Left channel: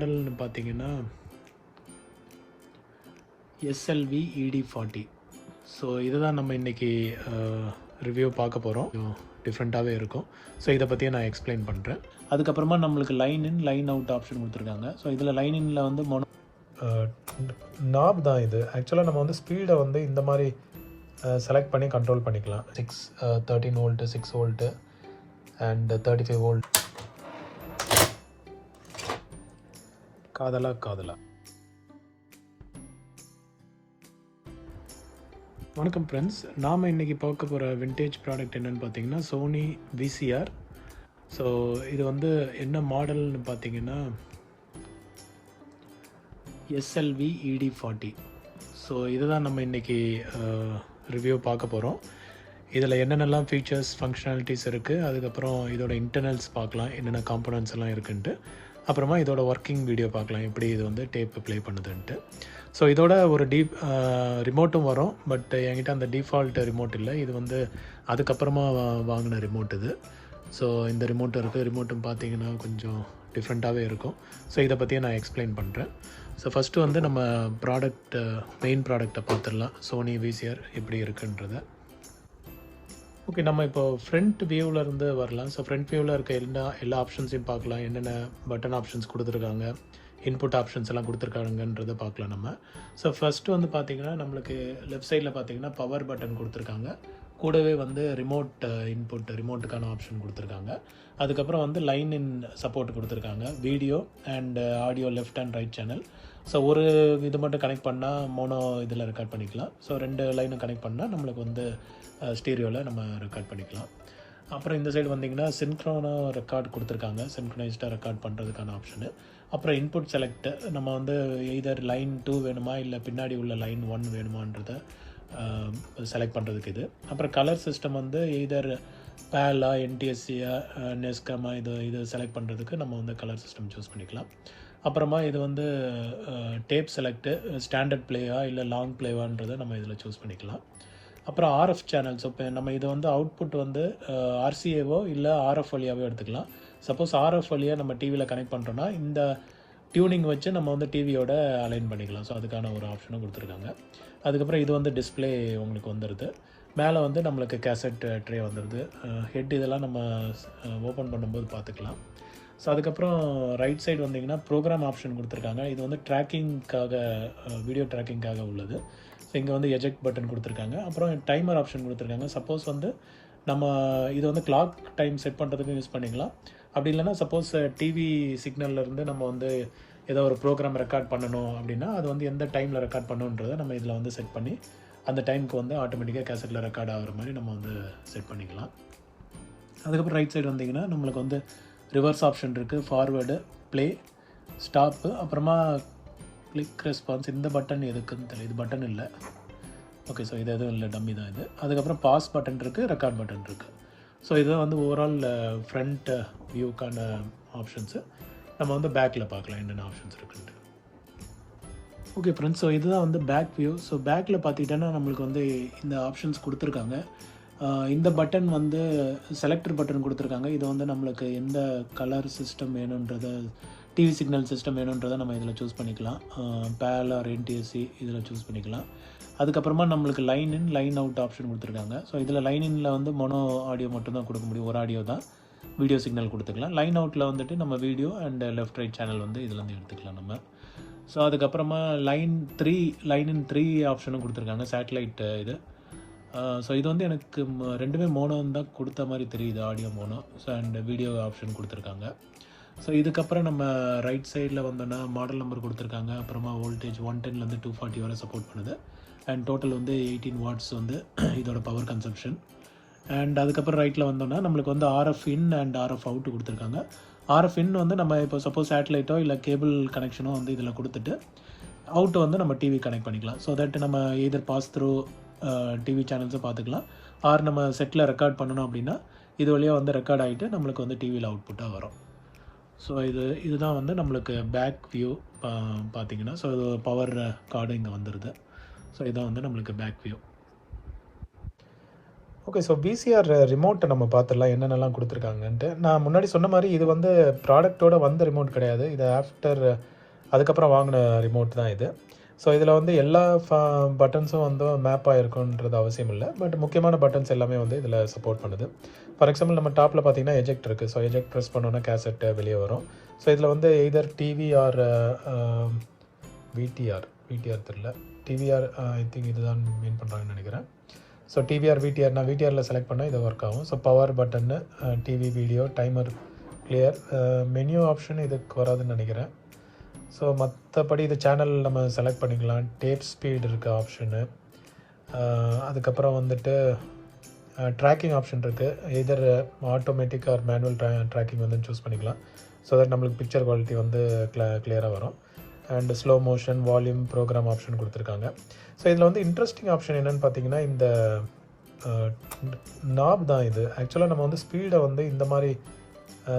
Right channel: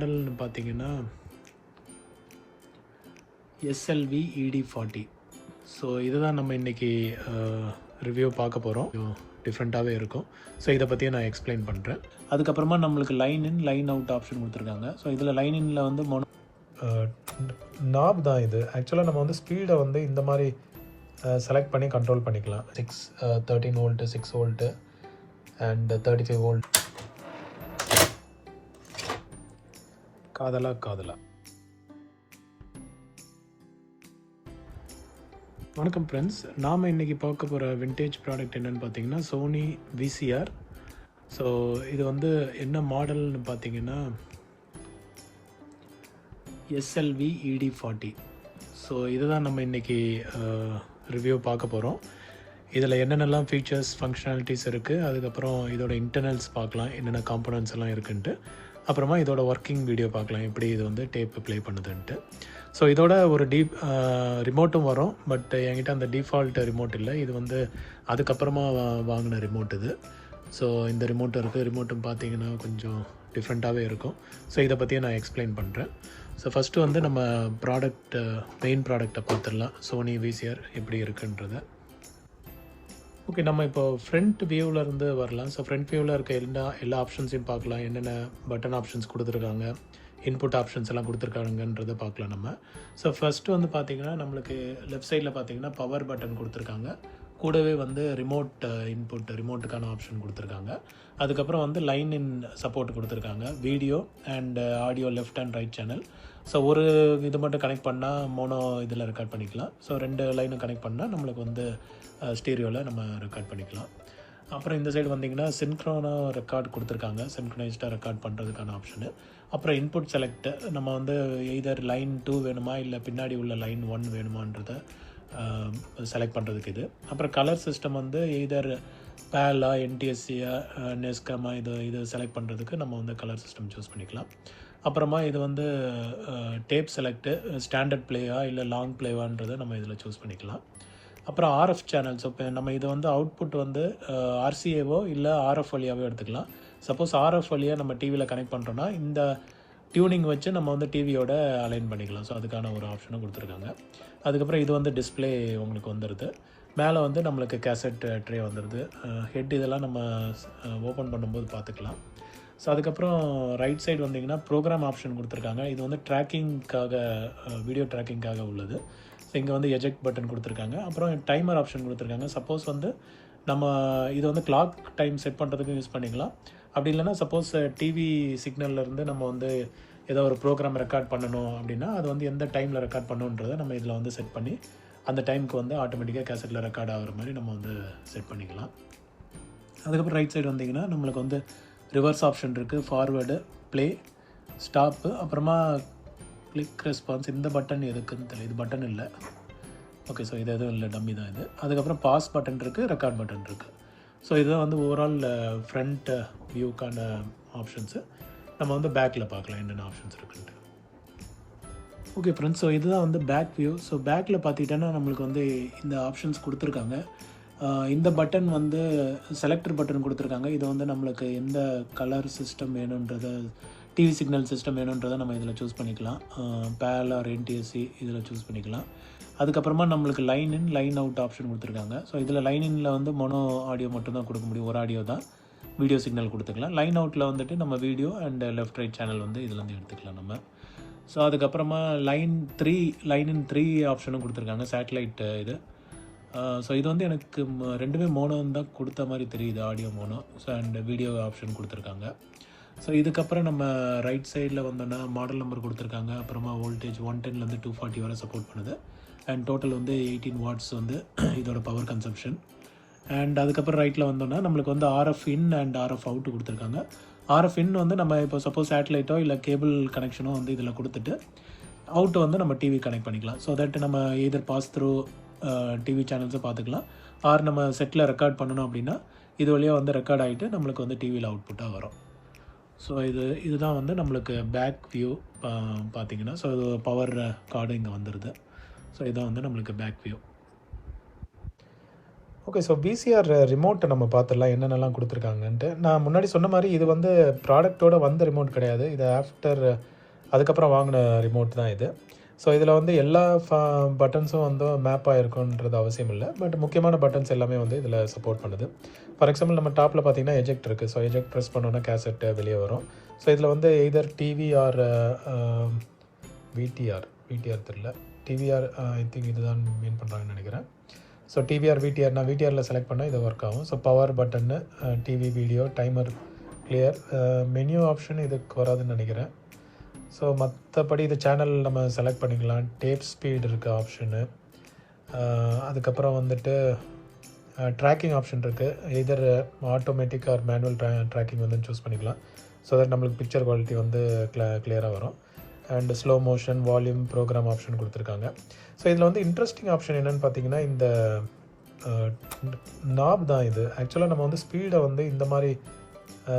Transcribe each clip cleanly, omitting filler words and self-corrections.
மாடல்னு பார்த்தீங்கன்னா SLV ED40. So இதுதான் நம்ம இன்றைக்கி ரிவ்யூ பார்க்க போகிறோம். டிஃப்ரெண்ட்டாகவே இருக்கும். ஸோ இதை பற்றியே நான் எக்ஸ்பிளைன் பண்ணுறேன். அதுக்கப்புறமா நம்மளுக்கு line in line out option கொடுத்துருக்காங்க. ஸோ இதில் லைன் இன்னில் வந்து நாப் தான் இது. ஆக்சுவலாக நம்ம வந்து ஸ்பீடை வந்து இந்த மாதிரி செலக்ட் பண்ணி கண்ட்ரோல் பண்ணிக்கலாம். 13 வோல்ட்டு, 6 வோல்ட்டு அண்ட் 35 வோல்ட். காதலா. வணக்கம் ஃப்ரெண்ட்ஸ், நாம் இன்றைக்கி பார்க்க போகிற விண்டேஜ் ப்ராடக்ட் என்னென்னு பார்த்தீங்கன்னா சோனி VCR. ஸோ இது வந்து என்ன மாடல்னு பார்த்தீங்கன்னா SLV ED40. ஸோ இதுதான் நம்ம இன்றைக்கி ரிவ்யூ பார்க்க போகிறோம். இதில் என்னென்னலாம் ஃபீச்சர்ஸ் ஃபங்க்ஷனாலிட்டிஸ் இருக்குது, அதுக்கப்புறம் இதோட இன்டர்னல்ஸ் பார்க்கலாம், என்னென்ன காம்போனன்ட்ஸ் எல்லாம் இருக்குன்ட்டு, அப்புறமா இதோட ஒர்க்கிங் வீடியோ பார்க்கலாம், எப்படி இது வந்து டேப்பு ப்ளே பண்ணுதுன்ட்டு. ஸோ இதோட ஒரு ரிமோட்டும் வரும். பட் என்கிட்ட அந்த டிஃபால்ட் ரிமோட் இல்லை. இது வந்து அதுக்கப்புறமா வாங்கின ரிமோட் இது. ஸோ இந்த ரிமோட்டும் இருக்குது. ரிமோட்டும் பார்த்தீங்கன்னா கொஞ்சம் டிஃப்ரெண்ட்டாகவே இருக்கும். ஸோ இதை பற்றியே நான் எக்ஸ்பிளைன் பண்ணுறேன். ஸோ ஃபஸ்ட்டு வந்து நம்ம மெயின் ப்ராடக்டை பார்த்துடலாம். சோனி VCR எப்படி இருக்குன்றதை. ஓகே, நம்ம இப்போது ஃப்ரண்ட் வியூவில் இருந்து வரலாம். ஸோ ஃப்ரண்ட் வியூவில் இருக்க எல்லா ஆப்ஷன்ஸையும் பார்க்கலாம். என்னென்ன பட்டன் ஆப்ஷன்ஸ் கொடுத்துருக்காங்க, இன்புட் ஆப்ஷன்ஸ் எல்லாம் கொடுத்துருக்காங்கன்றதை பார்க்கலாம் நம்ம. ஸோ ஃபஸ்ட்டு வந்து பார்த்திங்கன்னா நம்மளுக்கு லெஃப்ட் சைடில் பார்த்திங்கன்னா பவர் பட்டன் கொடுத்துருக்காங்க. கூடவே வந்து ரிமோட்டுக்கான ஆப்ஷன் கொடுத்துருக்காங்க. அதுக்கப்புறம் வந்து லைன் இன் சப்போர்ட் கொடுத்துருக்காங்க. Video and audio left and right channel. So ஒரு இது மட்டும் கனெக்ட் பண்ணால் மோனோ இதில் ரெக்கார்ட் பண்ணிக்கலாம். ஸோ 2 லைனும் கனெக்ட் பண்ணால் நம்மளுக்கு வந்து ஸ்டீரியோவில் நம்ம ரெக்கார்ட் பண்ணிக்கலாம். அப்புறம் இந்த சைடு வந்திங்கன்னா சின்க்ரோனாக ரெக்கார்ட் கொடுத்துருக்காங்க. சின்க்ரனைஸ்டாக ரெக்கார்ட் பண்ணுறதுக்கான ஆப்ஷனு. அப்புறம் இன்புட் செலக்ட், நம்ம வந்து எய்தர் லைன் 2 வேணுமா இல்லை பின்னாடி உள்ள லைன் 1 வேணுமான்றதை செலக்ட் பண்ணுறதுக்கு இது. அப்புறம் கலர் சிஸ்டம் வந்து எய்தர் பேலா, NTSCயா, நெஸ்கமா, இது செலக்ட் பண்ணுறதுக்கு நம்ம வந்து கலர் சிஸ்டம் சூஸ் பண்ணிக்கலாம். அப்புறமா இது வந்து டேப் செலக்ட்டு, ஸ்டாண்டர்ட் பிளேயா இல்லை லாங் பிளேவான்றதை நம்ம இதில் சூஸ் பண்ணிக்கலாம். அப்புறம் RF சேனல்ஸ். இப்போ நம்ம இது வந்து அவுட்புட் வந்து RCAவோ இல்லை RF வழியாகவோ எடுத்துக்கலாம். சப்போஸ் RF வழியாக நம்ம டிவியில் கனெக்ட் பண்ணுறோன்னா இந்த டியூனிங் வச்சு நம்ம வந்து டிவியோட அலைன் பண்ணிக்கலாம். ஸோ அதுக்கான ஒரு ஆப்ஷனும் கொடுத்துருக்காங்க. அதுக்கப்புறம் இது வந்து டிஸ்பிளே உங்களுக்கு வந்துடுது. மேலே வந்து நம்மளுக்கு கேசட் ட்ரே வந்துடுது. ஹெட் இதெல்லாம் நம்ம ஓப்பன் பண்ணும்போது பார்த்துக்கலாம். ஸோ அதுக்கப்புறம் ரைட் சைடு வந்திங்கன்னா ப்ரோக்ராம் ஆப்ஷன் கொடுத்துருக்காங்க. இது வந்து ட்ராக்கிங்காக, வீடியோ ட்ராக்கிங்காக உள்ளது. ஸோ இங்கே வந்து எஜெக்ட் பட்டன் கொடுத்துருக்காங்க. அப்புறம் டைமர் ஆப்ஷன் கொடுத்துருக்காங்க. சப்போஸ் வந்து நம்ம இது வந்து கிளாக் டைம் செட் பண்ணுறதுக்கும் யூஸ் பண்ணிக்கலாம். அப்படி இல்லைன்னா சப்போஸ் டிவி சிக்னல்லேருந்து நம்ம வந்து ஏதோ ஒரு ப்ரோக்ராம் ரெக்கார்ட் பண்ணணும் அப்படின்னா அது வந்து எந்த டைமில் ரெக்கார்ட் பண்ணணுன்றதை நம்ம இதில் வந்து செட் பண்ணி அந்த டைமுக்கு வந்து ஆட்டோமேட்டிக்காக கேசட்டில் ரெக்கார்ட் ஆகிற மாதிரி நம்ம வந்து செட் பண்ணிக்கலாம். அதுக்கப்புறம் ரைட் சைடு வந்திங்கன்னா நம்மளுக்கு வந்து ரிவர்ஸ் ஆப்ஷன் இருக்குது, ஃபார்வேர்டு, ப்ளே, ஸ்டாப்பு, அப்புறமா கிளிக் ரெஸ்பான்ஸ். இந்த பட்டன் எதுக்குன்னு தெரியல, இது பட்டன் இல்லை. ஓகே, ஸோ இது எதுவும் இல்லை, டம்மி தான் இது. அதுக்கப்புறம் பாஸ் பட்டன் இருக்குது, ரெக்கார்ட் பட்டன் இருக்குது. ஸோ இதுதான் வந்து ஓவரால் ஃப்ரண்ட் வியூக்கான ஆப்ஷன்ஸு. நம்ம வந்து பேக்கில் பார்க்கலாம் என்னென்ன ஆப்ஷன்ஸ் இருக்குன்ட்டு. ஓகே ஃப்ரெண்ட்ஸ், ஸோ இதுதான் வந்து பேக் வியூ. ஸோ பேக்கில் பார்த்துக்கிட்டோன்னா நம்மளுக்கு வந்து இந்த ஆப்ஷன்ஸ் கொடுத்துருக்காங்க. இந்த பட்டன் வந்து செலக்டர் பட்டன் கொடுத்துருக்காங்க. இது வந்து நம்மளுக்கு எந்த கலர் சிஸ்டம் வேணுன்றது, டிவி சிக்னல் சிஸ்டம் வேணுன்றதை நம்ம இதில் சூஸ் பண்ணிக்கலாம். பேல் ஆர் NTSC இதில் சூஸ் பண்ணிக்கலாம். அதுக்கப்புறமா நம்மளுக்கு line in line out option கொடுத்துருக்காங்க. ஸோ இதில் லைன் இன்னில் வந்து மோனோ ஆடியோ மட்டும்தான் கொடுக்க முடியும், ஒரு ஆடியோ தான். வீடியோ சிக்னல் கொடுத்துக்கலாம். லைன் அவுட்டில் வந்துட்டு நம்ம video and left right channel வந்து இதுலேருந்து எடுத்துக்கலாம் நம்ம. ஸோ அதுக்கப்புறமா லைன் இன் 3 ஆப்ஷனும் கொடுத்துருக்காங்க, சேட்டலைட் இது. ஸோ இது வந்து எனக்கு ரெண்டுமே மோனோ தான் கொடுத்த மாதிரி தெரியுது, audio mono. So and video option கொடுத்துருக்காங்க. ஸோ இதுக்கப்புறம் நம்ம ரைட் சைடில் வந்தோன்னா மாடல் நம்பர் கொடுத்துருக்காங்க. அப்புறமா வோல்டேஜ் 110லேருந்து 240 வரை சப்போர்ட் பண்ணுது. அண்ட் டோட்டல் வந்து 18 வாட்ஸ் வந்து இதோட பவர் கன்சம்ஷன். அண்ட் அதுக்கப்புறம் ரைட்டில் வந்தோன்னா நம்மளுக்கு வந்து RF in and RF out கொடுத்துருக்காங்க. RF இன் வந்து நம்ம இப்போ சப்போஸ் சேட்டலைட்டோ இல்லை கேபிள் கனெக்ஷனோ வந்து இதில் கொடுத்துட்டு அவுட்டு வந்து நம்ம டிவி கனெக்ட் பண்ணிக்கலாம். ஸோ தட் நம்ம எதர் பாஸ் த்ரூ டிவி சேனல்ஸை பார்த்துக்கலாம். ஆர் நம்ம செட்டில் ரெக்கார்ட் பண்ணணும் அப்படின்னா இது வழியாக வந்து ரெக்கார்ட் ஆகிட்டு நம்மளுக்கு வந்து டிவியில் அவுட்புட்டாக வரும். ஸோ இதுதான் வந்து நம்மளுக்கு பேக் வியூ பார்த்தீங்கன்னா. ஸோ இது பவர் கார்டு இங்கே வந்துடுது. ஸோ இதுதான் வந்து நம்மளுக்கு back view. Okay, so VCR ரிமோட்டை நம்ம பார்த்துடலாம் என்னென்னலாம் கொடுத்துருக்காங்கன்ட்டு. நான் முன்னாடி சொன்ன மாதிரி இது வந்து ப்ராடக்ட்டோட வந்த ரிமோட் கிடையாது. இது ஆஃப்டர் அதுக்கப்புறம் வாங்கின ரிமோட் தான் இது. ஸோ இதில் வந்து எல்லா பட்டன்ஸும் வந்து மேப் ஆகிருக்குன்றது அவசியம் இல்லை. பட் முக்கியமான பட்டன்ஸ் எல்லாமே வந்து இதில் சப்போர்ட் பண்ணுது. ஃபார் எக்ஸாம்பிள் நம்ம டாப்பில் பார்த்தீங்கன்னா எஜெக்ட் இருக்குது. ஸோ எஜெக்ட் ப்ரெஸ் பண்ணோன்னா கேசட்டு வெளியே வரும். ஸோ இதில் வந்து எய்தர் டிவி ஆர் விடிஆர் தெரில, டிவிஆர் ஐ திங்க் இதுதான் மீன் பண்ணுறாங்கன்னு நினைக்கிறேன். ஸோ டிவிஆர் விடிஆர், நான் விடிஆரில் செலக்ட் பண்ணால் இது ஒர்க் ஆகும். ஸோ பவர் பட்டன்னு, TV, video, timer, clear, menu option இதுக்கு வராதுன்னு நினைக்கிறேன். ஸோ மற்றபடி இது சேனல் நம்ம செலக்ட் பண்ணிக்கலாம். டேப் ஸ்பீட் இருக்க ஆப்ஷனு, அதுக்கப்புறம் வந்துட்டு ட்ராக்கிங் ஆப்ஷன் இருக்குது. Either automatic or manual tracking வந்து சூஸ் பண்ணிக்கலாம். ஸோ தட் நம்மளுக்கு பிக்சர் குவாலிட்டி வந்து கிளியராக வரும். And slow motion, volume, program option கொடுத்துருக்காங்க. ஸோ இதில் வந்து இன்ட்ரெஸ்டிங் ஆப்ஷன் என்னென்னு பார்த்தீங்கன்னா இந்த நாப் தான் இது. ஆக்சுவலாக நம்ம வந்து ஸ்பீடை வந்து இந்த மாதிரி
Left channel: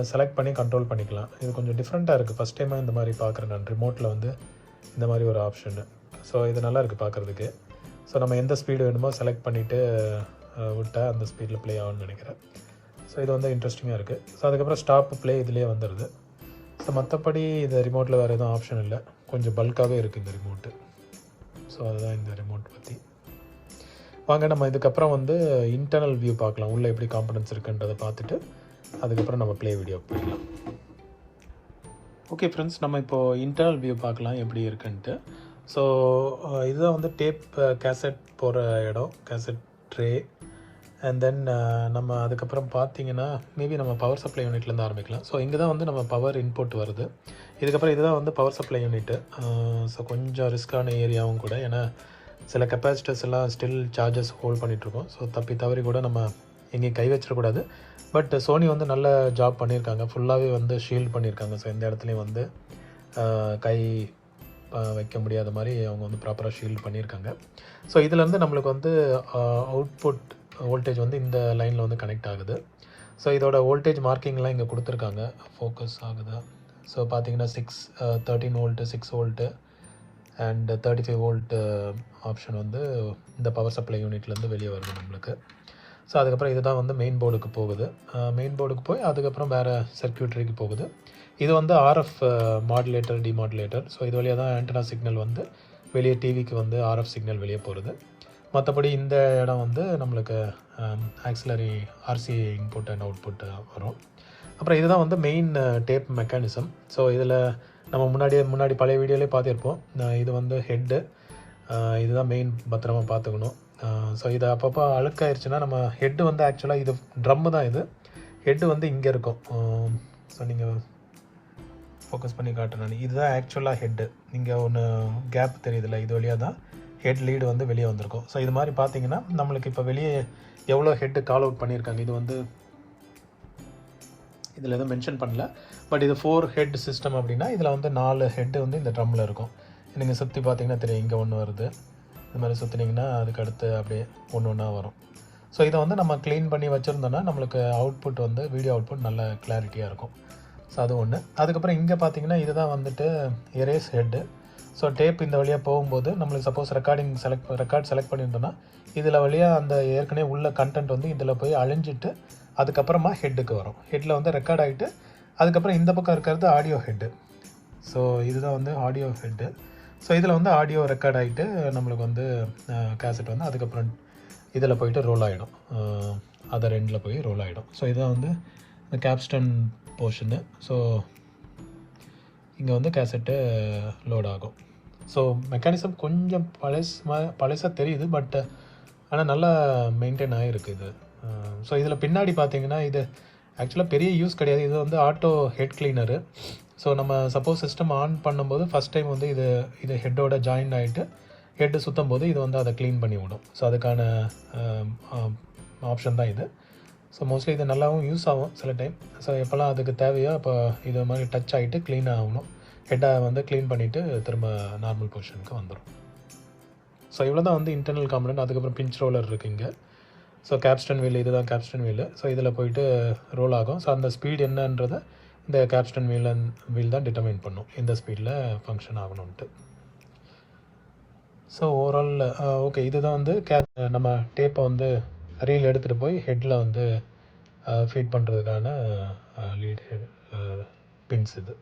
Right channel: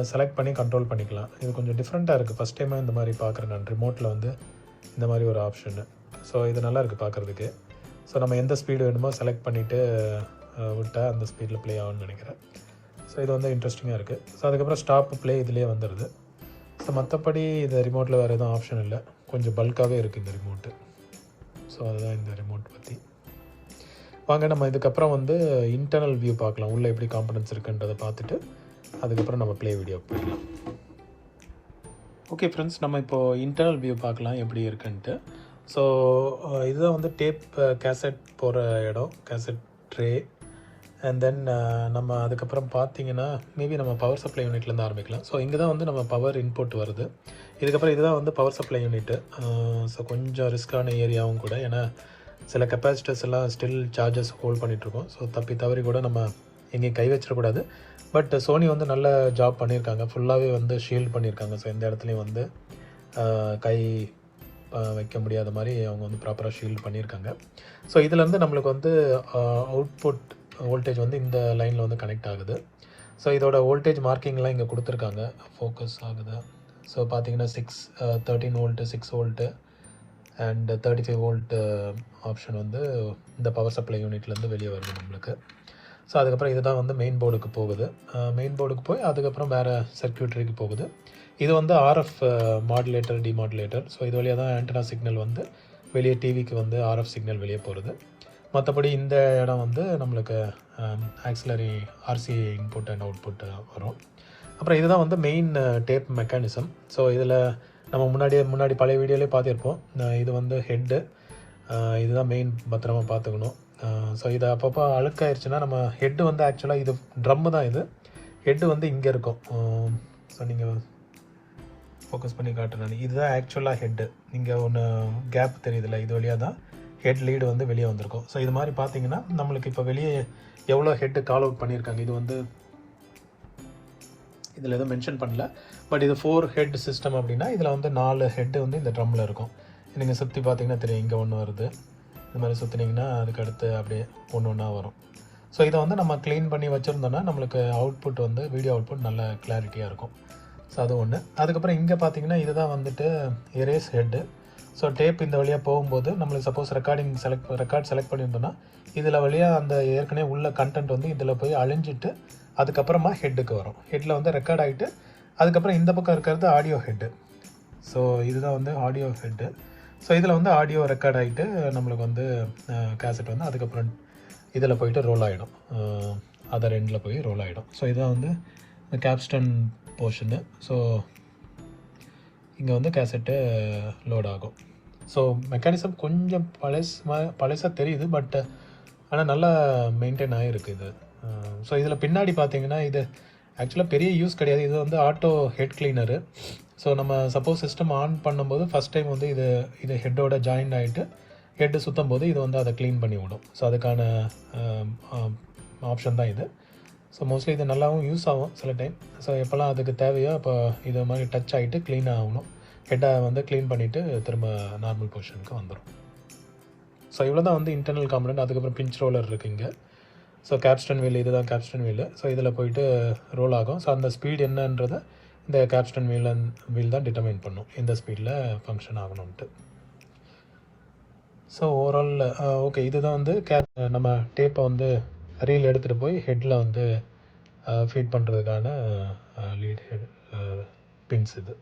செலக்ட் பண்ணி கண்ட்ரோல் பண்ணிக்கலாம். இது கொஞ்சம் டிஃப்ரெண்ட்டாக இருக்குது. ஃபஸ்ட் டைமாக இந்த மாதிரி பார்க்குறேன் நான் ரிமோட்டில் வந்து இந்த மாதிரி ஒரு ஆப்ஷனு. ஸோ இது நல்லா இருக்குது பார்க்குறதுக்கு. ஸோ நம்ம எந்த ஸ்பீடு வேணுமோ செலக்ட் பண்ணிவிட்டு விட்டால் அந்த ஸ்பீடில் ப்ளே ஆகும்னு நினைக்கிறேன். ஸோ இது வந்து இன்ட்ரெஸ்டிங்காக இருக்குது. ஸோ அதுக்கப்புறம் ஸ்டாப் ப்ளே இதிலே வந்துடுது. ஸோ மற்றபடி இது ரிமோட்டில் வேறு எதுவும் ஆப்ஷன் இல்லை. கொஞ்சம் பல்காகவே இருக்குது இந்த ரிமோட்டு. ஸோ அதுதான் இந்த ரிமோட் பற்றி. வாங்க நம்ம இதுக்கப்புறம் வந்து இன்டர்னல் வியூ பார்க்கலாம். உள்ளே எப்படி காம்பனன்ட்ஸ் இருக்குன்றதை பார்த்துட்டு அதுக்கப்புறம் நம்ம ப்ளே வீடியோ போயிடலாம். ஓகே ஃப்ரெண்ட்ஸ், நம்ம இப்போது இன்டர்னல் வியூ பார்க்கலாம் எப்படி இருக்குன்ட்டு. ஸோ இதுதான் வந்து டேப் கேசட் போகிற இடம், கேசட் ட்ரே. அண்ட் தென் நம்ம அதுக்கப்புறம் பார்த்தீங்கன்னா மேபி நம்ம பவர் சப்ளை யூனிட்லேருந்து ஆரம்பிக்கலாம். ஸோ இங்கே தான் வந்து நம்ம பவர் இன்புட் வருது. இதுக்கப்புறம் இதுதான் வந்து பவர் சப்ளை யூனிட்டு. ஸோ கொஞ்சம் ரிஸ்க்கான ஏரியாவும் கூட, ஏன்னா சில கெப்பாசிட்டர்ஸ் எல்லாம் ஸ்டில் சார்ஜஸ் ஹோல்ட் பண்ணிகிட்ருக்கோம். ஸோ தப்பி தவறி கூட நம்ம எங்கேயும் கை வச்சிடக்கூடாது. பட் சோனி வந்து நல்ல ஜாப் பண்ணியிருக்காங்க. ஃபுல்லாகவே வந்து ஷீல்ட் பண்ணியிருக்காங்க. ஸோ எந்த இடத்துலையும் வந்து கை வைக்க முடியாத மாதிரி அவங்க வந்து ப்ராப்பராக ஷீல்ட் பண்ணியிருக்காங்க. ஸோ இதுலேருந்து நம்மளுக்கு வந்து அவுட்புட் வோல்டேஜ் வந்து இந்த லைனில் வந்து கனெக்ட் ஆகுது. ஸோ இதோட வோல்டேஜ் மார்க்கிங்லாம் இங்கே கொடுத்துருக்காங்க. ஃபோக்கஸ் ஆகுது. ஸோ பார்த்தீங்கன்னா 13 volt, 6 volt and 35 volt option வந்து இந்த பவர் சப்ளை யூனிட்லேருந்து வெளியே வருது நம்மளுக்கு. ஸோ அதுக்கப்புறம் இதுதான் வந்து மெயின் போர்டுக்கு போகுது. மெயின் போர்டுக்கு போய் அதுக்கப்புறம் வேறு சர்க்யூட்ரிக்கு போகுது. இது வந்து ஆர்எஃப் மாடுலேட்டர், டிமாடுலேட்டர். ஸோ இது வழியாக தான் ஆண்டனா சிக்னல் வந்து வெளியே டிவிக்கு வந்து ஆர்எஃப் சிக்னல் வெளியே போகிறது. மற்றபடி இந்த இடம் வந்து நம்மளுக்கு auxiliary RC input and output வரும். அப்புறம் இதுதான் வந்து மெயின் டேப் மெக்கானிசம். ஸோ இதில் நம்ம முன்னாடி பழைய வீடியோலேயே பார்த்துருப்போம். இது வந்து ஹெட்டு, இதுதான் மெயின், பத்திரமா பார்த்துக்கணும். ஸோ இது அப்பப்போ அழுக்காயிருச்சுன்னா நம்ம ஹெட்டு வந்து ஆக்சுவலாக இது ட்ரம்மு தான். இது ஹெட்டு வந்து இங்கே இருக்கும். ஸோ நீங்கள் ஃபோக்கஸ் பண்ணி காட்டுறேன். இதுதான் ஆக்சுவலாக ஹெட்டு. இங்கே ஒன்று கேப் தெரியுதுல்ல, இது வழியாக தான் ஹெட் லீடு வந்து வெளியே வந்திருக்கும். ஸோ இது மாதிரி பார்த்தீங்கன்னா நம்மளுக்கு இப்போ வெளியே எவ்வளோ ஹெட்டு கால் அவுட் பண்ணியிருக்காங்க. இது வந்து இதில் எதுவும் மென்ஷன் பண்ணல. பட் இது 4 ஹெட் சிஸ்டம் அப்படின்னா இதில் வந்து 4 ஹெட்டு வந்து இந்த ட்ரம்மில் இருக்கும். நீங்கள் சுற்றி பார்த்தீங்கன்னா தெரியும், இங்கே ஒன்று வருது. இது மாதிரி சுற்றினீங்கன்னா அதுக்கு அடுத்து அப்படியே ஒன்று வரும். ஸோ இதை வந்து நம்ம க்ளீன் பண்ணி வச்சுருந்தோன்னா நம்மளுக்கு அவுட்புட் வந்து வீடியோ அவுட்புட் நல்ல கிளாரிட்டியாக இருக்கும். ஸோ அது ஒன்று. அதுக்கப்புறம் இங்கே பார்த்தீங்கன்னா இதுதான் வந்துட்டு எரேஸ் ஹெட்டு. ஸோ டேப் இந்த வழியாக போகும்போது நம்மளுக்கு சப்போஸ் ரெக்கார்ட் செலக்ட் பண்ணியிருந்தோன்னா இதில் வழியாக அந்த ஏற்கனவே உள்ள கண்டென்ட் வந்து இதில் போய் அழிஞ்சிட்டு அதுக்கப்புறமா ஹெட்டுக்கு வரும். ஹெட்டில் வந்து ரெக்கார்ட் ஆகிட்டு அதுக்கப்புறம் இந்த பக்கம் இருக்கிறது ஆடியோ ஹெட்டு. ஸோ இதுதான் வந்து ஆடியோ ஹெட்டு. ஸோ இதில் வந்து ஆடியோ ரெக்கார்ட் ஆகிட்டு நம்மளுக்கு வந்து கேசட் வந்து அதுக்கப்புறம் இதில் போயிட்டு ரோல் ஆகிடும், அதர் எண்டில் போய் ரோல் ஆகிடும். ஸோ இதுதான் வந்து இந்த கேப்ஸ்டன் போர்ஷனு. ஸோ இங்கே வந்து கேசட்டு லோட் ஆகும். ஸோ மெக்கானிசம் கொஞ்சம் பழசாக தெரியுது, பட் ஆனால் நல்லா மெயின்டைன் ஆகிருக்கு இது. ஸோ இதில் பின்னாடி பார்த்தீங்கன்னா இது ஆக்சுவலாக பெரிய யூஸ் கிடையாது. இது வந்து ஆட்டோ ஹெட் கிளீனரு. ஸோ நம்ம சப்போஸ் சிஸ்டம் ஆன் பண்ணும்போது ஃபஸ்ட் டைம் வந்து இது ஹெட்டோட ஜாயின் ஆகிட்டு ஹெட்டு சுற்றும் போது இது வந்து அதை க்ளீன் பண்ணி விடும். ஸோ அதுக்கான ஆப்ஷன் தான் இது. ஸோ மோஸ்ட்லி இது நல்லாவும் யூஸ் ஆகும் சில டைம். ஸோ எப்போல்லாம் அதுக்கு தேவையோ அப்போ இது மாதிரி டச் ஆகிட்டு க்ளீன் ஆகணும். ஹெட்டை வந்து க்ளீன் பண்ணிவிட்டு திரும்ப நார்மல் பொசிஷனுக்கு வந்துடும். ஸோ இவ்வளோ தான் வந்து இன்டர்னல் காம்பனண்ட். அதுக்கப்புறம் பிஞ்ச் ரோலர் இருக்குது இங்கே. ஸோ கேப்ஸ்டன் வீல், இதுதான் கேப்ஸ்டன் வீல். ஸோ இதில் போயிட்டு ரோல் ஆகும். ஸோ அந்த ஸ்பீட் என்னன்றதை இந்த கேப்ஸ்டன் வீல் தான் டிட்டர்மைன் பண்ணும், இந்த ஸ்பீடில் ஃபங்க்ஷன் ஆகணும்ன்ட்டு. ஸோ ஓவரால் ஓகே, இதுதான் வந்து நம்ம டேப்பை வந்து ரீல் எடுத்துகிட்டு போய் ஹெட்டில் வந்து ஃபீட் பண்ணுறதுக்கான லீட் ஹெட் பின்ஸ் இது.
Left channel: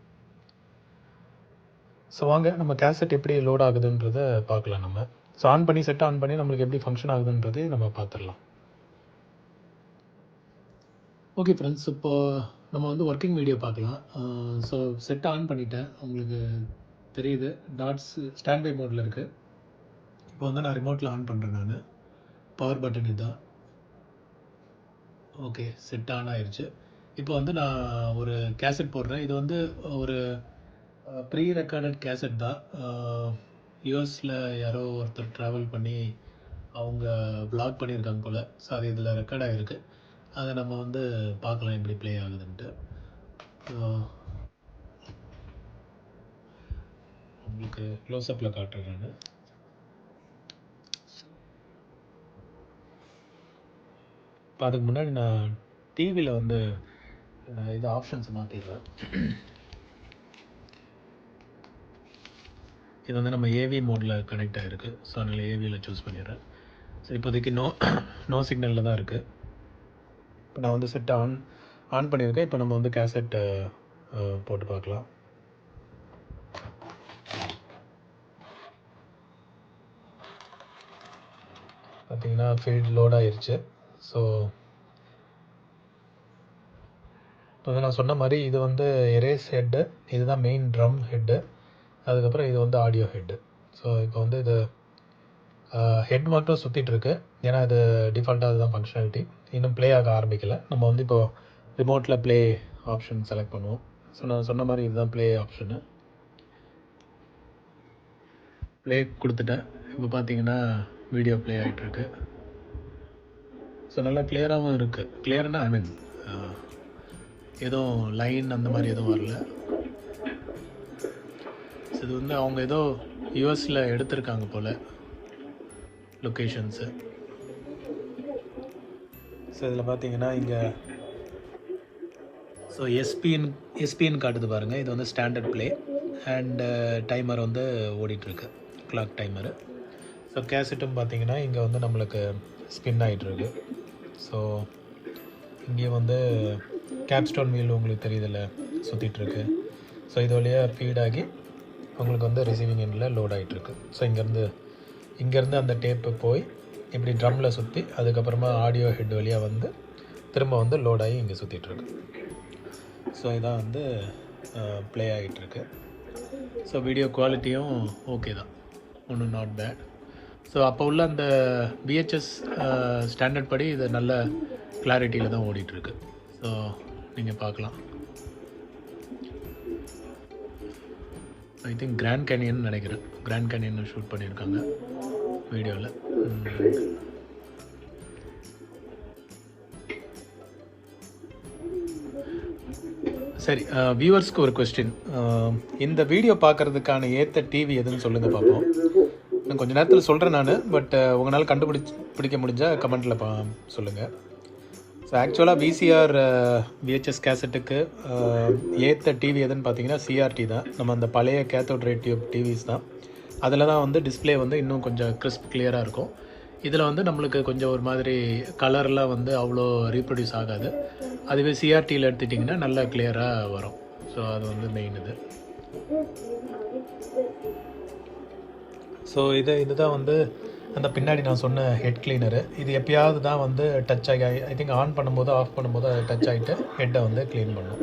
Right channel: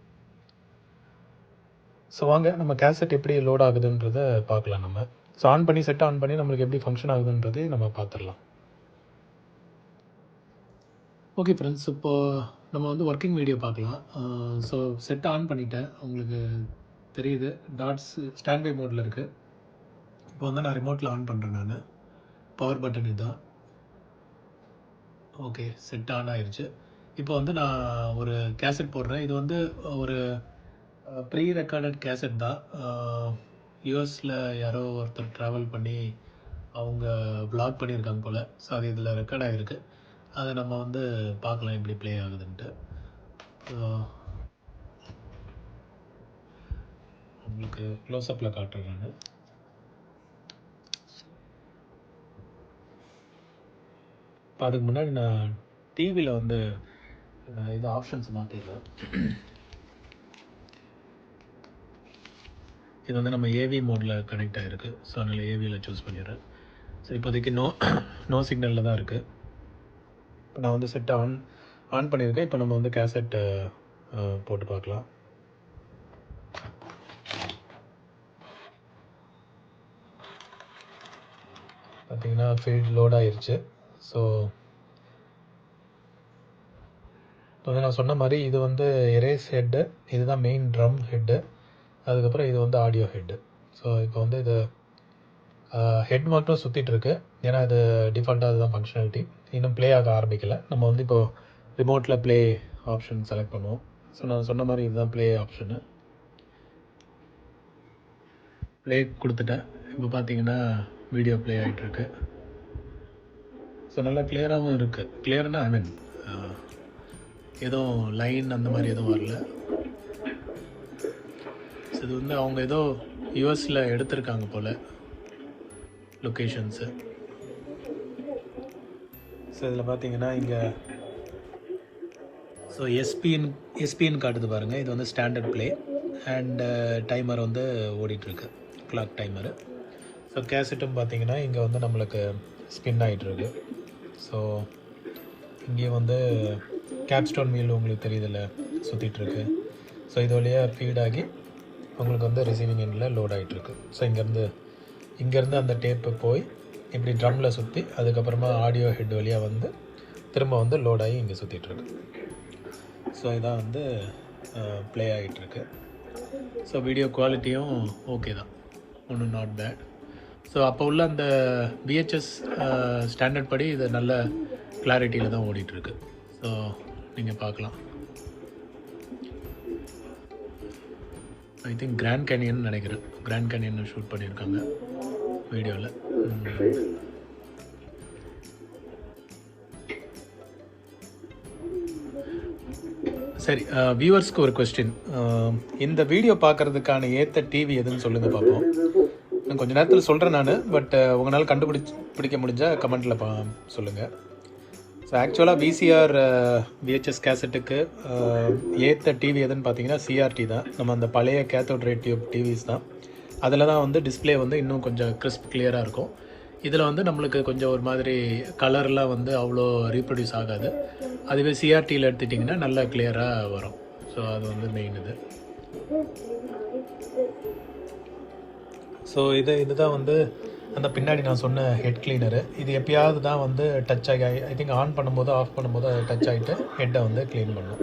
ஸோ வாங்க நம்ம கேசட் எப்படி லோட் ஆகுதுன்றதை பார்க்கலாம் நம்ம. ஸோ ஆன் பண்ணி செட் ஆன் பண்ணி நம்மளுக்கு எப்படி ஃபங்க்ஷன் ஆகுதுன்றதை நம்ம பார்த்துடலாம். ஓகே ஃப்ரெண்ட்ஸ், இப்போது நம்ம வந்து ஒர்க்கிங் வீடியோ பார்க்கலாம். ஸோ செட் ஆன் பண்ணிட்டேன், உங்களுக்கு தெரியுது டாட்ஸ் ஸ்டாண்ட் பை மோடில் இருக்குது. இப்போ வந்து நான் ரிமோட்டில் ஆன் பண்ணுறேன். நான் பவர் பட்டன் இதுதான். ஓகே, செட் ஆன் ஆயிடுச்சு. இப்போ வந்து நான் ஒரு கேசட் போடுறேன். இது வந்து ஒரு ப்ரீ ரெக்கார்டட் கேசட் தான். யூஎஸில் யாரோ ஒருத்தர் ட்ராவல் பண்ணி அவங்க வ்ளாக் பண்ணியிருக்காங்க போல். ஸோ அது இதில் ரெக்கார்ட் ஆகிருக்கு. அதை நம்ம வந்து பார்க்கலாம் எப்படி ப்ளே ஆகுதுன்ட்டு. உங்களுக்கு க்ளோஸ்அப்பில் காட்டுறேன் நான். அதுக்கு முன்னாடி நான் டிவியில் வந்து இது ஆப்ஷன்ஸ் மாற்றிடுறேன். இது வந்து நம்ம ஏவி மோடில் கனெக்ட் ஆகிருக்கு. ஸோ அதனால் ஏவியில் சூஸ் பண்ணிடுறேன். ஸோ இப்போதைக்கு நோ சிக்னலில் தான் இருக்குது. இப்போ நான் வந்து செட் ஆன் பண்ணியிருக்கேன். இப்போ நம்ம வந்து கேசட்டை போட்டு பார்க்கலாம். பார்த்திங்கன்னா ஃபீல்ட் லோட் ஆகிருச்சு. ஸோ இப்போ நான் சொன்ன மாதிரி இது வந்து எரேஸ் ஹெட்டு, இதுதான் மெயின் ட்ரம் ஹெட்டு. அதுக்கப்புறம் இது வந்து ஆடியோ ஹெட்டு. ஸோ இப்போ வந்து இது ஹெட் மட்டும் சுற்றிட்டுருக்கு, ஏன்னா இது டிஃபால்ட்டாக அதுதான் ஃபங்க்ஷனாலிட்டி. இன்னும் ப்ளே ஆக ஆரம்பிக்கலை. நம்ம வந்து இப்போது ரிமோட்டில் ப்ளே ஆப்ஷன் செலக்ட் பண்ணுவோம். ஸோ நான் சொன்ன மாதிரி இதுதான் ப்ளே ஆப்ஷனு. ப்ளே கொடுத்துட்டேன். இப்போ பார்த்தீங்கன்னா வீடியோ ப்ளே ஆகிட்டுருக்கு. ஸோ நல்லா கிளியராகவும் இருக்குது. கிளியர்னா ஐ மீன் எதுவும் லைன் அந்த மாதிரி எதுவும் வரல. இது வந்து அவங்க ஏதோ யூஎஸில் எடுத்திருக்காங்க போல் லொக்கேஷன்ஸு. ஸோ இதில் பார்த்தீங்கன்னா இங்கே ஸோ எஸ்பின்னு காட்டுது பாருங்கள். இது வந்து ஸ்டாண்டர்ட் ப்ளே அண்ட் டைமர் வந்து ஓடிட்டுருக்கு, கிளாக் டைமரு. ஸோ கேசட்டும் பார்த்தீங்கன்னா இங்கே வந்து நம்மளுக்கு ஸ்பின் ஆகிட்டுருக்கு. ஸோ இங்கே வந்து கேப்ஸ்டோன் வீல் உங்களுக்கு தெரியுதில்ல சுற்றிட்டுருக்கு. ஸோ இது வழியாக ஃபீடாகி உங்களுக்கு வந்து ரிசீவிங் எண்டில் லோட் ஆகிட்டுருக்கு. ஸோ இங்கேருந்து அந்த டேப்பு போய் இப்படி ட்ரம்மில் சுற்றி அதுக்கப்புறமா ஆடியோ ஹெட் வழியாக வந்து திரும்ப வந்து லோட் ஆகி இங்கே சுற்றிட்டுருக்கு. ஸோ இதான் வந்து ப்ளே ஆகிட்டுருக்கு. ஸோ வீடியோ குவாலிட்டியும் ஓகே தான், ஒன்றும் நாட் பேட். ஸோ அப்போ உள்ள அந்த விஹெச்எஸ் ஸ்டாண்டர்ட் படி இது நல்ல கிளாரிட்டியில் தான் ஓடிட்டுருக்கு. ஸோ நீங்கள் பார்க்கலாம். ஐ திங்க் கிராண்ட் கேனியன் நினைக்கிறேன். கிராண்ட் கேனியன் ஷூட் பண்ணியிருக்காங்க வீடியோவில். சரி, வியூவர்ஸ்க்கு ஒரு கொஸ்டின். இந்த வீடியோ பார்க்குறதுக்கான ஏற்ற டிவி எதுன்னு சொல்லுங்கள் பார்ப்போம். இன்னும் கொஞ்சம் நேரத்தில் சொல்கிறேன் நான், பட் உங்களால் கண்டுபிடிக்க முடிஞ்சால் கமெண்ட்டில் சொல்லுங்கள். ஸோ ஆக்சுவலாக விசிஆர் விஹெச்எஸ் கேசட்டுக்கு ஏற்ற டிவி எதுன்னு பார்த்தீங்கன்னா சிஆர்டி தான். நம்ம அந்த பழைய கேத்தோட் ரே டியூப் டிவிஸ் தான். அதில் தான் வந்து டிஸ்பிளே வந்து இன்னும் கொஞ்சம் கிறிஸ்ப் கிளியராக இருக்கும். இதில் வந்து நம்மளுக்கு கொஞ்சம் ஒரு மாதிரி கலர்லாம் வந்து அவ்வளோ ரீப்ரொடியூஸ் ஆகாது. அதுவே சிஆர்டியில் எடுத்துட்டிங்கன்னா நல்லா கிளியராக வரும். ஸோ அது வந்து மெயின் இது. ஸோ இதுதான் வந்து அந்த பின்னாடி நான் சொன்ன ஹெட் கிளீனரு. இது எப்பயாவது தான் வந்து டச் ஆகி ஐ திங்க் ஆன் பண்ணும்போது ஆஃப் பண்ணும்போது அது டச் ஆகிட்டு ஹெட்டை வந்து க்ளீன் பண்ணும்.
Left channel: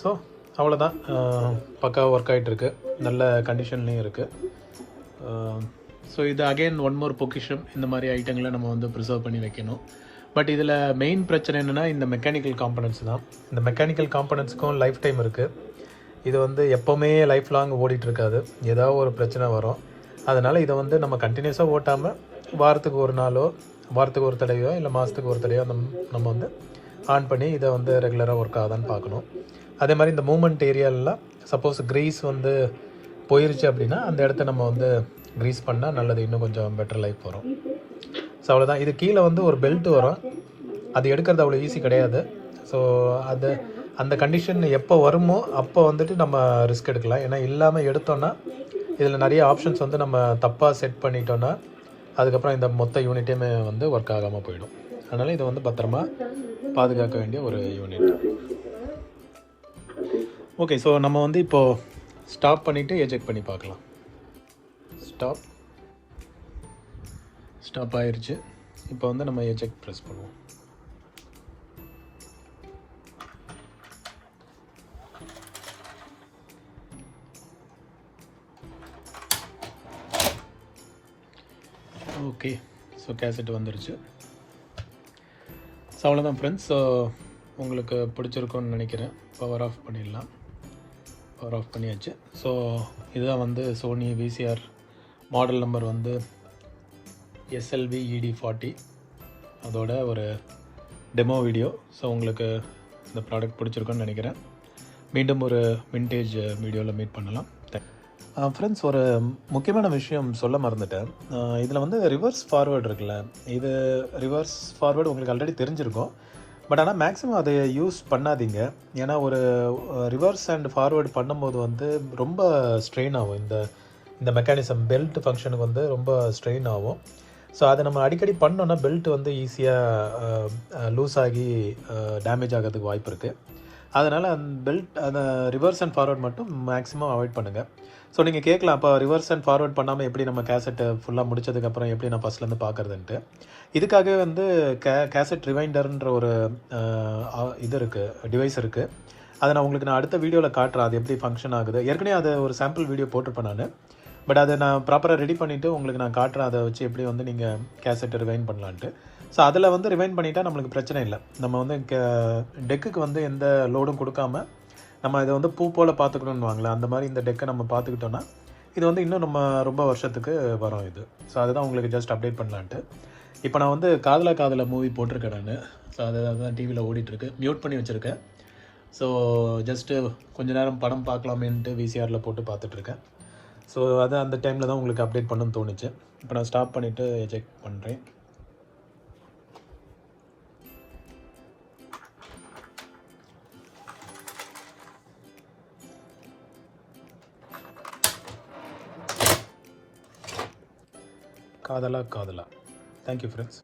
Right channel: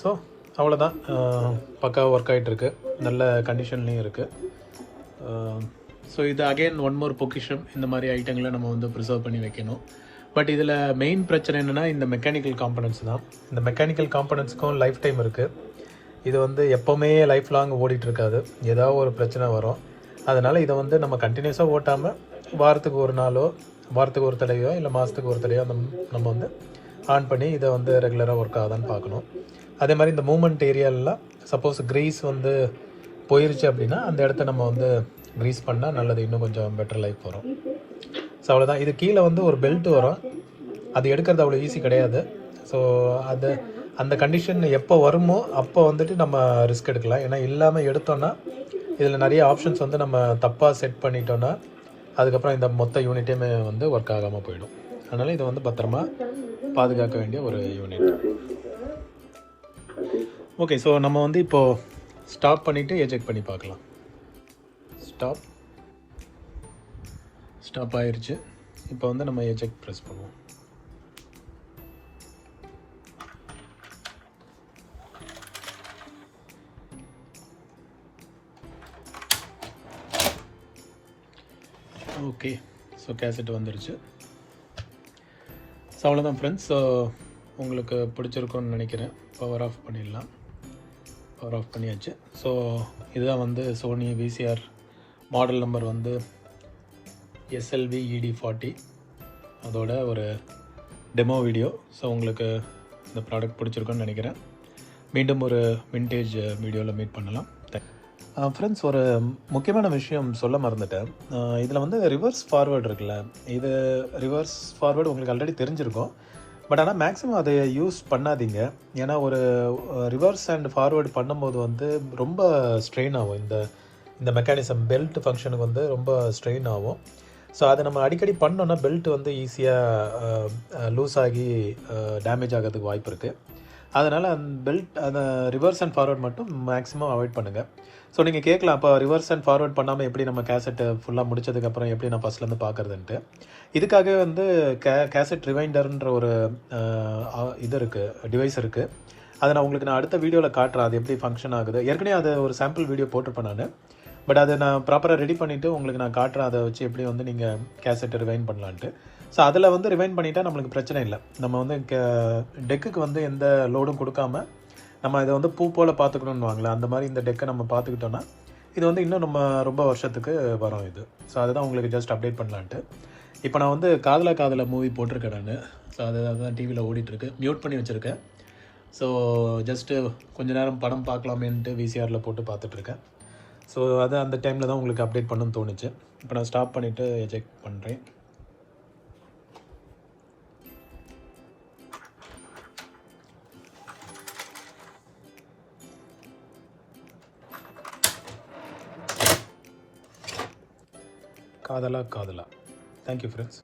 ஸோ அவ்வளோதான், பக்கா ஒர்க் ஆகிட்டுருக்கு, நல்ல கண்டிஷன்லேயும் இருக்குது. ஸோ இது அகெயின் ஒன் மோர் பொக்கிஷம். இந்த மாதிரி ஐட்டங்களை நம்ம வந்து ப்ரிசர்வ் பண்ணி வைக்கணும். பட் இதில் மெயின் பிரச்சனை என்னென்னா இந்த மெக்கானிக்கல் காம்பனன்ட்ஸ் தான். இந்த மெக்கானிக்கல் காம்பனன்ட்ஸுக்கும் லைஃப் டைம் இருக்குது. இது வந்து எப்போவுமே லைஃப் லாங் ஓடிட்டுருக்காது, ஏதாவது ஒரு பிரச்சனை வரும். அதனால் இதை வந்து நம்ம கண்டினியூஸாக ஓட்டாமல் வாரத்துக்கு ஒரு நாளோ வாரத்துக்கு ஒரு தடவையோ இல்லை மாதத்துக்கு ஒரு தடவையோ நம்ம வந்து ஆன் பண்ணி இதை வந்து ரெகுலராக ஒர்க் ஆகுதான்னு பார்க்கணும். அதே மாதிரி இந்த மூமெண்ட் ஏரியாலெலாம் சப்போஸ் க்ரீஸ் வந்து போயிருச்சு அப்படின்னா அந்த இடத்த நம்ம வந்து க்ரீஸ் பண்ணால் நல்லது, இன்னும் கொஞ்சம் பெட்டர் லைஃப் வரும். ஸோ அவ்வளோதான். இது கீழே வந்து ஒரு பெல்ட் வரும், அது எடுக்கிறது அவ்வளோ ஈஸி கிடையாது. ஸோ அந்த கண்டிஷன் எப்போ வருமோ அப்போ வந்துட்டு நம்ம ரிஸ்க் எடுக்கலாம். ஏன்னா இல்லாமல் எடுத்தோன்னா இதில் நிறைய ஆப்ஷன்ஸ் வந்து நம்ம தப்பாக செட் பண்ணிட்டோன்னா அதுக்கப்புறம் இந்த மொத்த யூனிட்டையுமே வந்து ஒர்க் ஆகாமல் போயிடும். அதனால் இது வந்து பத்திரமா பாதுகாக்க வேண்டிய ஒரு யூனிட். ஓகே, ஸோ நம்ம வந்து இப்போது ஸ்டாப் பண்ணிவிட்டு எஜெக்ட் பண்ணி பார்க்கலாம். ஸ்டாப் ஆயிடுச்சு. இப்போ வந்து நம்ம எஜெக்ட் ப்ரெஸ் பண்ணுவோம். ஓகே, ஸோ கேசட் வந்துருச்சு. ஸோ அவ்வளோதான் ஃப்ரெண்ட்ஸ். ஸோ உங்களுக்கு பிடிச்சிருக்கும்னு நினைக்கிறேன். பவர் ஆஃப் பண்ணிடலாம். பவர் ஆஃப் பண்ணியாச்சு. ஸோ இதுதான் வந்து சோனி விசிஆர் மாடல் நம்பர் வந்து SLV ED40, அதோட ஒரு டெமோ வீடியோ. ஸோ உங்களுக்கு இந்த ப்ராடக்ட் பிடிச்சிருக்குன்னு நினைக்கிறேன். மீண்டும் ஒரு விண்டேஜ் வீடியோவில் மீட் பண்ணலாம். ஃப்ரெண்ட்ஸ், ஒரு முக்கியமான விஷயம் சொல்ல மறந்துட்டேன். இதில் வந்து ரிவர்ஸ் ஃபார்வேர்டு இருக்குல்ல, இது ரிவர்ஸ் ஃபார்வேர்டு உங்களுக்கு ஆல்ரெடி தெரிஞ்சிருக்கும். பட் ஆனால் மேக்ஸிமம் அதை யூஸ் பண்ணாதீங்க. ஏன்னா ஒரு ரிவர்ஸ் அண்ட் ஃபார்வேர்டு பண்ணும்போது வந்து ரொம்ப ஸ்ட்ரெயின் ஆகும். இந்த மெக்கானிசம் பெல்ட் ஃபங்க்ஷனுக்கு வந்து ரொம்ப ஸ்ட்ரெயின் ஆகும். ஸோ அதை நம்ம அடிக்கடி பண்ணோன்னா பெல்ட் வந்து ஈஸியாக லூஸ் ஆகி டேமேஜ் ஆகிறதுக்கு வாய்ப்பு இருக்குது. அதனால் அந்த ரிவர்ஸ் அண்ட் ஃபார்வர்ட் மட்டும் மேக்ஸிமம் அவாய்ட் பண்ணுங்கள். ஸோ நீங்கள் கேட்கலாம், அப்போ ரிவர்ஸ் அண்ட் ஃபார்வர்ட் பண்ணாமல் எப்படி நம்ம கேசட்டை ஃபுல்லாக முடிச்சதுக்கப்புறம் எப்படி நான் ஃபஸ்ட்லேருந்து பார்க்குறதுன்ட்டு. இதுக்காகவே வந்து கேசட் ரிவைண்டர்ன்ற ஒரு இது இருக்குது, டிவைஸ் இருக்குது. அதை நான் உங்களுக்கு அடுத்த வீடியோவில் காட்டுறேன், அது எப்படி ஃபங்க்ஷன் ஆகுது. ஏற்கனவே அதை ஒரு சாம்பிள் வீடியோ போட்டிருப்பேன் நான். பட் அதை நான் ப்ராப்பராக ரெடி பண்ணிவிட்டு உங்களுக்கு நான் காட்டுறேன், அதை வச்சு எப்படி வந்து நீங்கள் கேசட்டை ரிவைண்ட் பண்ணலான்ட்டு. ஸோ அதில் வந்து ரிவைண்ட் பண்ணிட்டா நம்மளுக்கு பிரச்சனை இல்லை. நம்ம வந்து டெக்குக்கு வந்து எந்த லோடும் கொடுக்காம நம்ம இதை வந்து பூ போல் பார்த்துக்கணுன்னு வாங்கலாம். அந்த மாதிரி இந்த டெக்கை நம்ம பார்த்துக்கிட்டோன்னா இது வந்து இன்னும் நம்ம ரொம்ப வருஷத்துக்கு வரும் இது. ஸோ அதுதான் உங்களுக்கு ஜஸ்ட் அப்டேட் பண்ணலான்ட்டு. இப்போ நான் வந்து காதலா மூவி போட்டிருக்கேன் நான். ஸோ அதுதான் டிவியில் ஓடிட்டுருக்கு, மியூட் பண்ணி வச்சுருக்கேன். ஸோ ஜஸ்ட்டு கொஞ்ச நேரம் படம் பார்க்கலாமேன்ட்டு விசிஆரில் போட்டு பார்த்துட்ருக்கேன். ஸோ அது அந்த டைமில் தான் உங்களுக்கு அப்டேட் பண்ணணும்னு தோணுச்சு. இப்போ நான் ஸ்டாப் பண்ணிவிட்டு எஜெக்ட் பண்ணுறேன். காதலா. Thank you friends.